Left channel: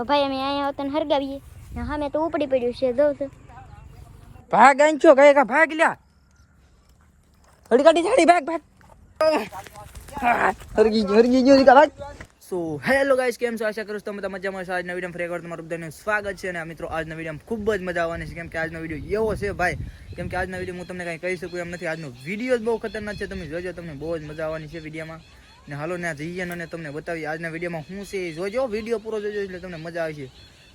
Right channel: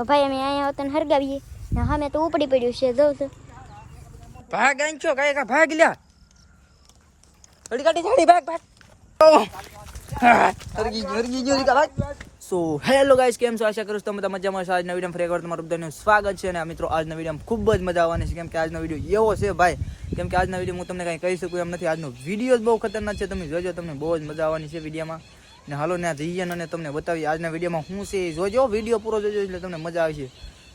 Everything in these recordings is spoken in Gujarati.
તો ભાઈ, અમે અહીંયા હોતને હરગાવીએ. ને સામે તો ઉપડી પડ્યું છે, જો તો ભાગ આંચો કઈ કા ભાગ લ્યા? હડી કાઢી જાડી ભાગ ભાગ. હરગી ગયો હરગી ગયો નીકળ સો હેલો ગાઈસ કેમ છો? આશા કરું છું તમે બધા મજામાં છો આજના વીડિયો ફરી એકવાર તમારું બધાનું સ્વાગત છે અને મિત્રો, આજના વીડિયો ખૂબ જ મજા આવવાની છે. કેમ કે આજનો વીડિયો એવો છે ભાઈ, કેમ કે આજના વીડિયો હું તમને કાંઈ કહી શકું એમ નથી. આજનો વીડિયો જ બહુ ખતરનાક છે. તમે જોજો, તમને બહુ જ મજા આવવાની છે વિડીયોમાં. ને હાલો ને જઈએ અને તમને બતાવીએ. આજના વિડીયોમાં શું છે એ જોજો. વીડિયો પૂરો જોજો એટલે તમને મજા આવશે.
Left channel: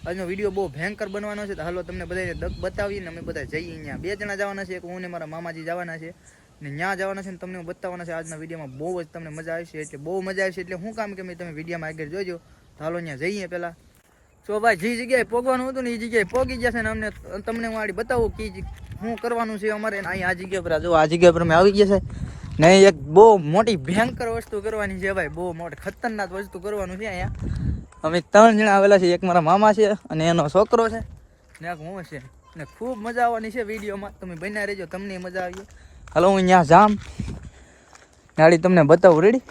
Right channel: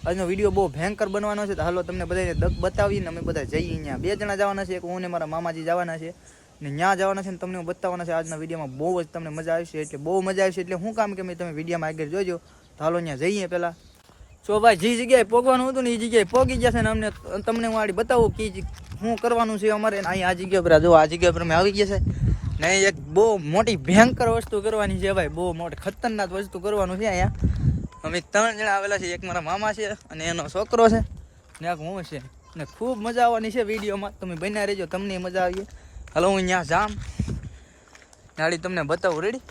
આજનો વીડિયો બહુ ભયંકર બનવાનો છે. તો હાલો તમને બધાને દક બતાવીએ ને અમે બધા જઈએ અહીંયા. બે જણા જવાના છે. એક હું ને મારા મામાજી જવાના છે. ને ત્યાં જવાના છે ને તમને હું બતાવવાના છે. આજના વિડીયોમાં બહુ જ તમને મજા આવશે. એટલે બહુ મજા આવશે. એટલે શું કામ કે મેં તમે વિડીયોમાં આગળ જોજો. તો હાલો ત્યાં જઈએ પહેલાં. સો ભાઈ, જે જગ્યાએ પોગવાનું હતું ને એ જગ્યાએ પોગી ગયા છે ને અમને તમને હું આડી બતાવું કે શું કરવાનું છે અમારે. અહીં આ જગ્યા પર જો, આ જગ્યા પર અમે આવી ગયા છે. ને એક બહુ મોટી ભયંકર વસ્તુ કરવાની છે ભાઈ, બહુ મોટી ખતરનાક વસ્તુ કરવાનું છે અહીંયા. અમે ત્રણ જણા આવેલા છે એક મારા મામા છે અને એનો છોકરો છે. ને એક હું છે? ને ખૂબ મજા આવવાની છે વિડીયોમાં. તમે બન્યા રહેજો, તમને મજા આવી હાલો, હું અહીંયા જામ. ગાડી તમને બતાવું રેડી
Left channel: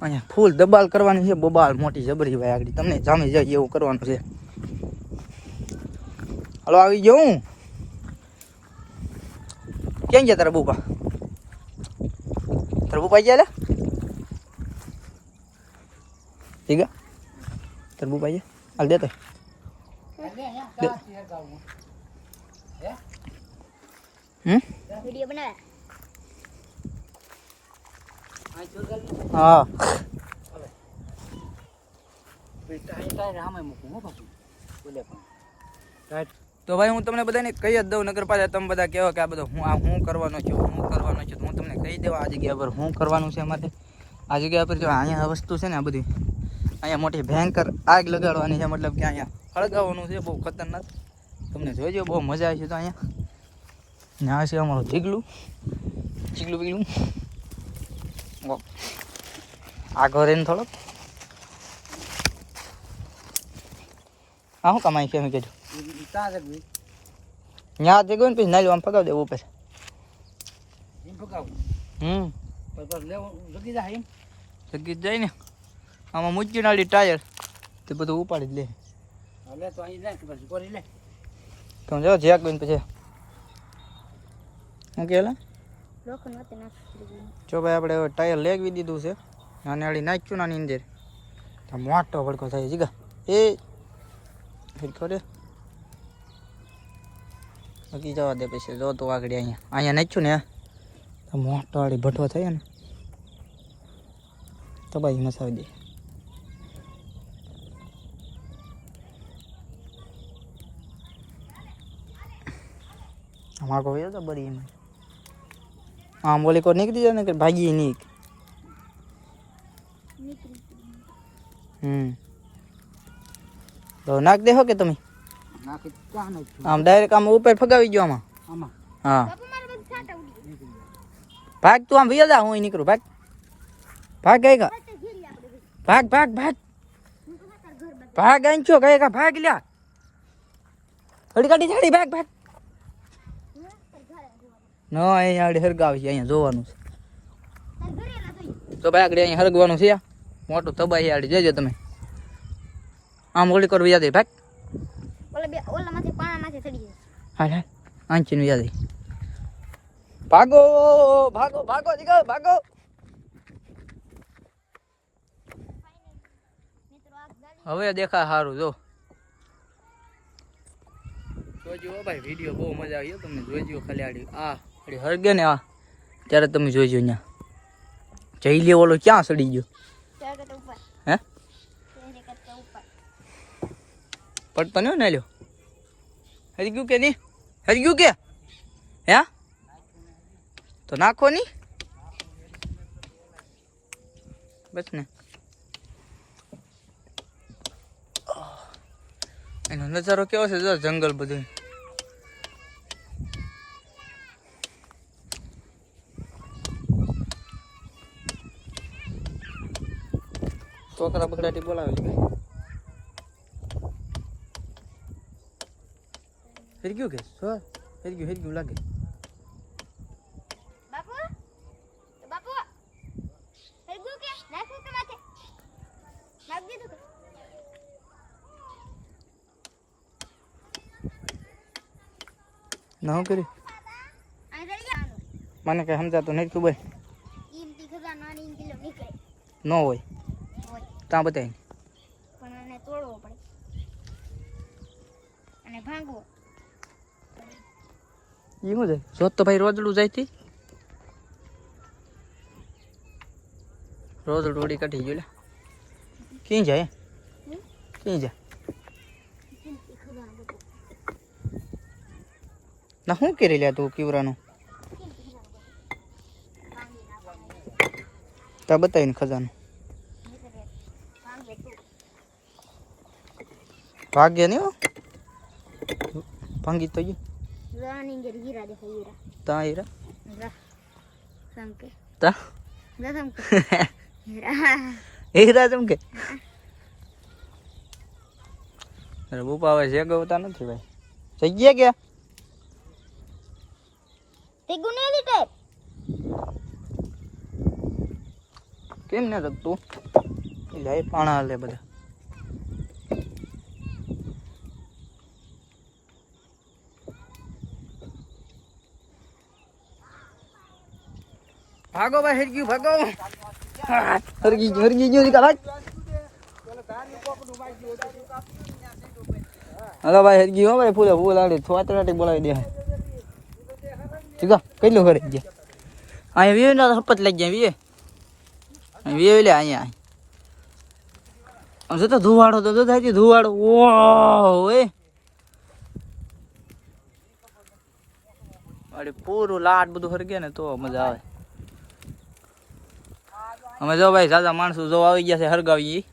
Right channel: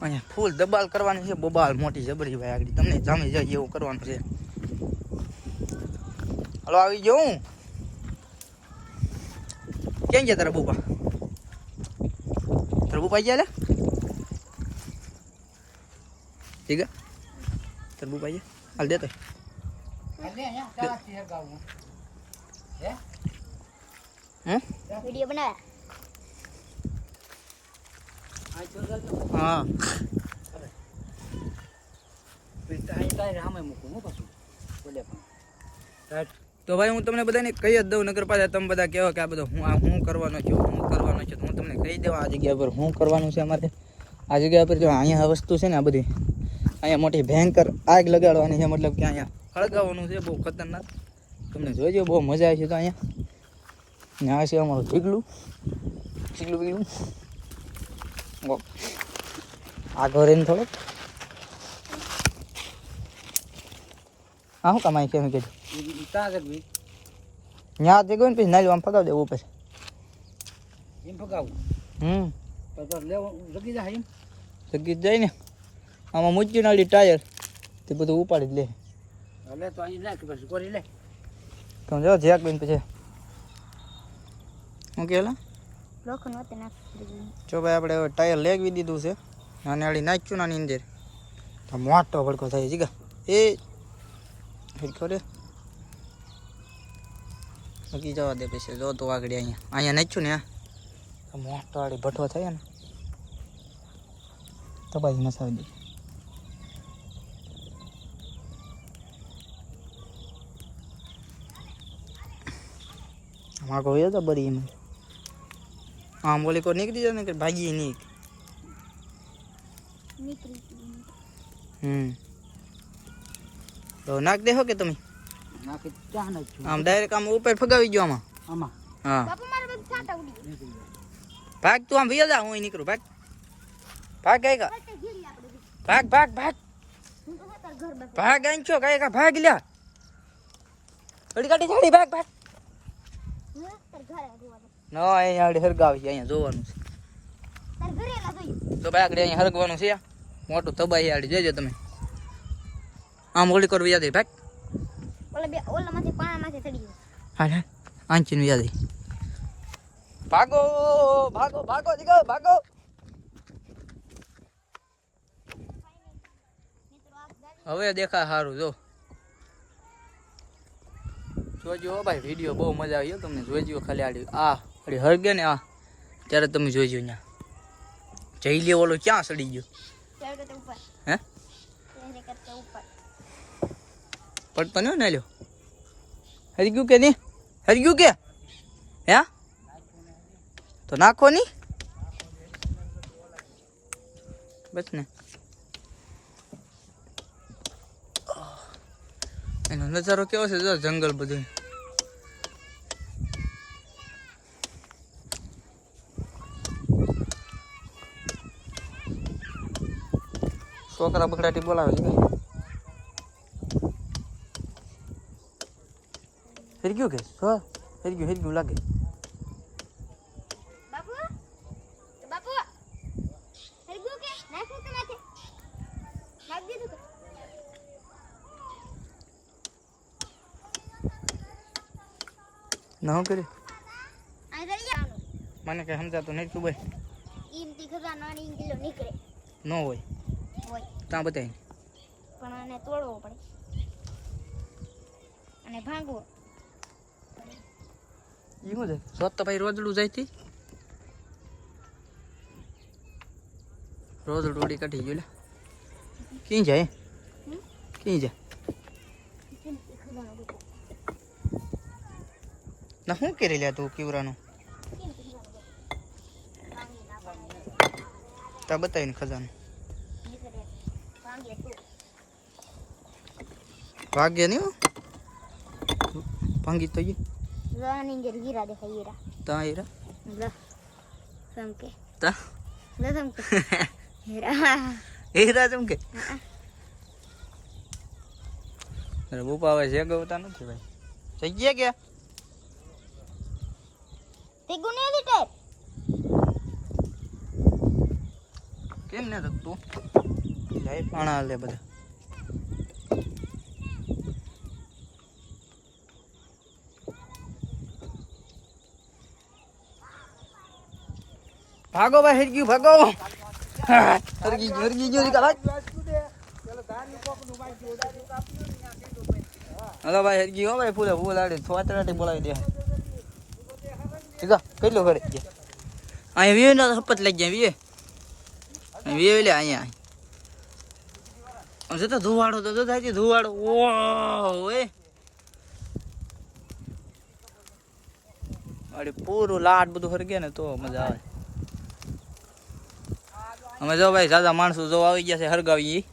અહીંયા ફૂલ દબાલ કરવાની છે, બબાલ મોટી જબરી ભાઈ આગળ. તમને જામી જાય એવું કરવાનું છે. હાલો, આવી ગયો હું. ક્યાં ગયા તારા બુપા તારા બુપા ગયા ઠીક તારા બુપા ગયા હાલ દે તો હમ વીડિયો બનાવે હા તો ભાઈ હું તમને બધાને કહી જ દઉં નગર તમે બધા કહેવો કે આ બધું હું આ હું કરવાનો છું, હું કરવાનો છું, તો હું તમને કહી દઉં આ જગ્યા પર હું કરવાનું છે અમારે. આ જગ્યા પર જો અહીંયા વસ્તુ છે ને આ બધી, અહીંયા મોટી ભયંકર આગ લગાડવાની છે, મતલબ કે અહીંયા હળગાવવાનું છે, બહુ ખતરનાક. તમને જોઈજો, બહુ મજા આવી છે તો અહીંયા. ને આ છે અમારું જીગલું. જીગલું બીગલું. ઓ. ઘરે થોડોક. હા શું કમાઈ કેમ કીધું. ત્યાં જગ્યો ને પછી નાલ્યું આમ પગાવ દેવું પછી. હમ. લગી જાય ને. આમાં મૂકી નાળી ટાયર. તે બધું ઉપાડી જ લે. તો જો લે કોઈ પછી શું કે લોખંડ વચ્ચે નાખી દીધું. જો ભાઈ આપણે ટાયર લેગવી દીધું છે. નાની આડી નાખ્યું નાની અંદર. મોટો ભડકો થાય જીગા એ ભડકો રે બાકી જવા દે પછી જો તો આગળ અહીંયા અહીંયા નાખ્યું ને તો મોટો વાળી ભઠ્ઠો થાય ને તો ભાઈ મસાવી દે આમાં કોઈ તો બરી એમાં આમ બોલી કો નીકળી જાય ને કે ભાગી નીક નીકળી ગયું. હમ તો નાખ દેહો કે તમે? આમ ડાયરેક્ટ આમ ઉપર ફગાવી ગયો આમાં. હા. બાપુ મારે બધું છાંટા ઉડી ગયા. ભાગ તું આમ ભૈયા જા હું અહીં નીકળું. ભાગ. ભાગ ગઈ. ભાગ ભાગ ભાગ. ભાગ. છો ગઈ કા ભાગ લ્યા. હડકાડી જાડી ભાગ ભાગ. નો અહીંયા આડી હરગાવી અહીંયા જોવાનું છે. તો ભાઈ આગળ અહીં હરગવાનું છે મોટું તબાહી આડી જજો તમે. આમ ઓલી કરવી યાદ ભાગ. ઓલા બે ઓલામાંથી પાણામાંથી ચડી ગયું. હાલ હાલ. આંચીનું યાદ આવી ભાગો ભાગો ભાગો જીગા ભાગો. હવે દેખા સારું જો. જોજો હો ભાઈ વીડિયો બહુ મજા આવી હો તમને. જોઈજો ખાલી આડી આ આડી હળગે ને આ. ત્યારે તમે જોઈજો અહીંયા. જઈ લે ઓલો ક્યાં સડી ગયો? તેરે કરતા ઉપર. હે તેરે કરતા ઉપર. પડતો નહીં ને લ્યો હરી ગયું કે નહીં? હરી ગયું કે? હે? તો નાખો નહીં? બસ ને. એનો નજારો કેવો છે? જો જંગલ બધું. છોકરા બકડાટી બોલાવે છે. હેરી ગયું કે હા હેરી ગયું હેરી ગયું લાગે ના હું કરી મને કઈ સમજાતું નહીં તું ભાઈ ન હોય ત્યાં બતાવી પણ આને તોડવો પડે અને ભાંગવો એ શું જાય જોત તો ભાઈ રોજડું જાય થી? રોજડું ઉડી કાઢી ગયું લે. ક્યાં જાય? હમ? ક્યાં જાય? ઈમથી ખજાનો ગોતો ના શું કરી લે તું કીવરાનું ઈમથી ખજાનો ગોતો ભાંગી નાખવાનો ત્યાં બતાવીને ખજાનું. નીકળે ભાંગે તું ભાગ્ય નહીં હો? ભાંગી તો ગયું. રાની ઘેર હીરા દેખાય હીરા ત્યાં હીરા જા સમકે તા જા સમકે હીરા હીરા જેમ કે અરે બુપા હવે શેગવતા નથી ભાઈ જગ્યા ગયા તે ગુને લીટે કેમ ના તું જાય પાણા બધા ભાગો ભાઈ હરગ્યું ભાગો. હરગી ગયું હરગી ગયું ભાઈ. હલો ભાઈ હરગી હો ભાઈ, ફૂલે, ફૂલ આડે ઓટોમેટિક બોલાવી દે. સીધા, કેટલું કરી ગયા? અહીંયા વીએ ના હપત લઈ ગયા વીએ વીએ લે, અહીંયા આમ તો ધુવાડો તો થાય ધુવાડો. ઓ એ અરે પૂરું લાટ બધું હરગે ને તો મજા આવે. અમે જો ભાઈ સાદા માણસો જો આવી ગયા છે હરગાવી ઈ.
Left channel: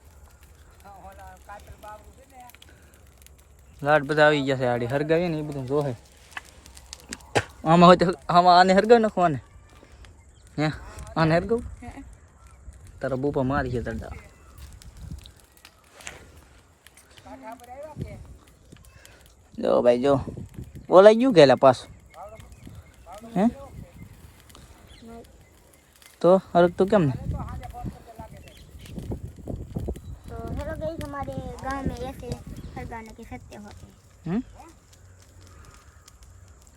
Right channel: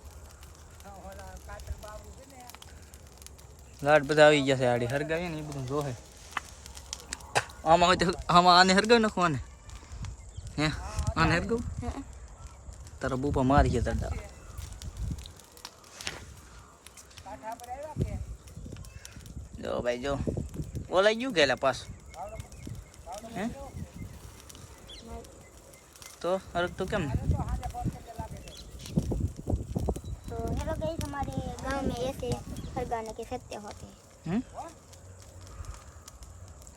લાટ બધા આવી ગયા છે આડી. હરગાવી ને એ બધું જોહે. આમાં હોય તો આમાં આને હરગાવી નાખવાને હે? આને હરગાવ? તારા બુપા મારી છે તરડા. જો ભાઈ જો. બોલાઈ ગયું ગયેલા પાસ હે? તો હરક તું કેમ ને? हमारे गांव में ऐसे हर गाने के सत्य होते हैं હમ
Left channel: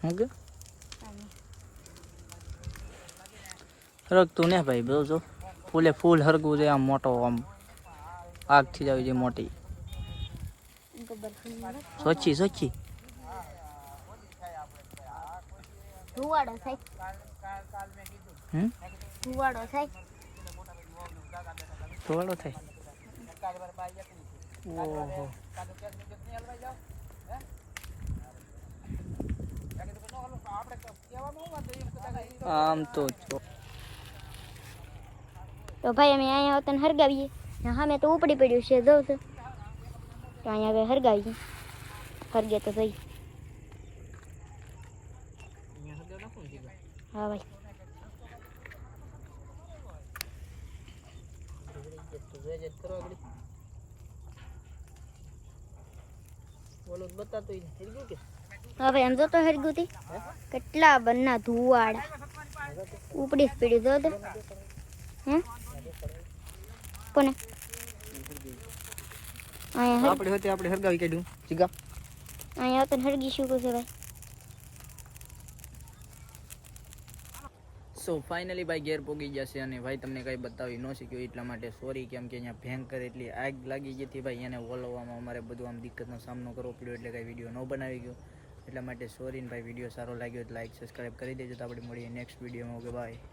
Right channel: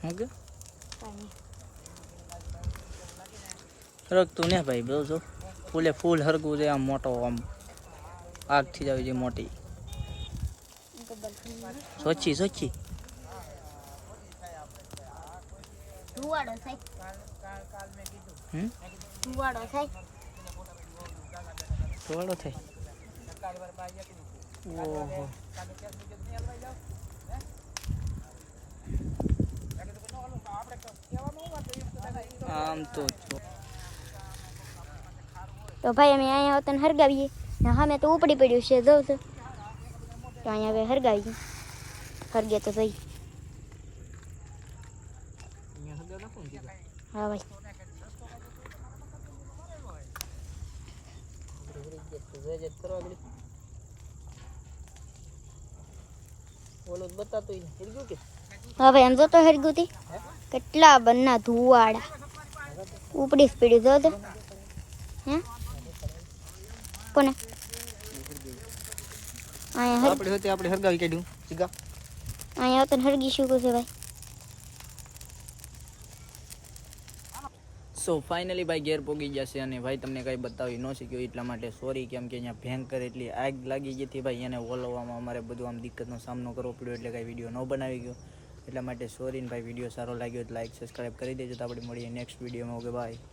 હું કે गाने હરકતું ને ભાઈ બધું જો ફૂલે ફૂલ હરગવું છે આમ મોટો આમ આગથી જ આવી જાય મોટી इनको बल्कि સોચી સોચી ધુવાડો થાય હમ ધુવાડો થાય થોડો થાય ઓહો આમ તો જો. તો ભાઈ અમે અહીંયા હોતને હરગાવીએ. ને સામે તો ઉપડી પડ્યું છે જોઉં તો. તો અહીંયા હવે હરગાવીએ. હરગે તો થઈ હા ભાઈ. હા એમ જોતો હરગું થી કેટલા બંના ધુવાડા. ઉપડી સ્પીડ જો તો. હે? કોને? અહીંયા આપણે હોતે આપણે હરગાવી કાઢ્યું. સીગા અહીંયા તો હરગી શું છે ભાઈ સો ફાઇનલી ભાઈ ઘેર પોગી જશે અને ભાઈ તમને કંઈ બતાવી ન શક્યું એટલા માટે સોરી કેમ કે અહીંયા ભયંકર એટલી આગ લાગી ગઈ હતી ભાઈ, એને ઓલવવામાં અમારે બધું આમ દિક્કતનો સામનો કરવો પડ્યો એટલે કાંઈ વીડિયો ન બનાવી ગયો. એટલા માટે સોરી ને ભાઈ વીડિયો સારો લાગ્યો તો લાઈક સબસ્ક્રાઈબ કરી દેજો. તો આપણે મળીએ નેક્સ્ટ વિડીયોમાં ઓકે બાય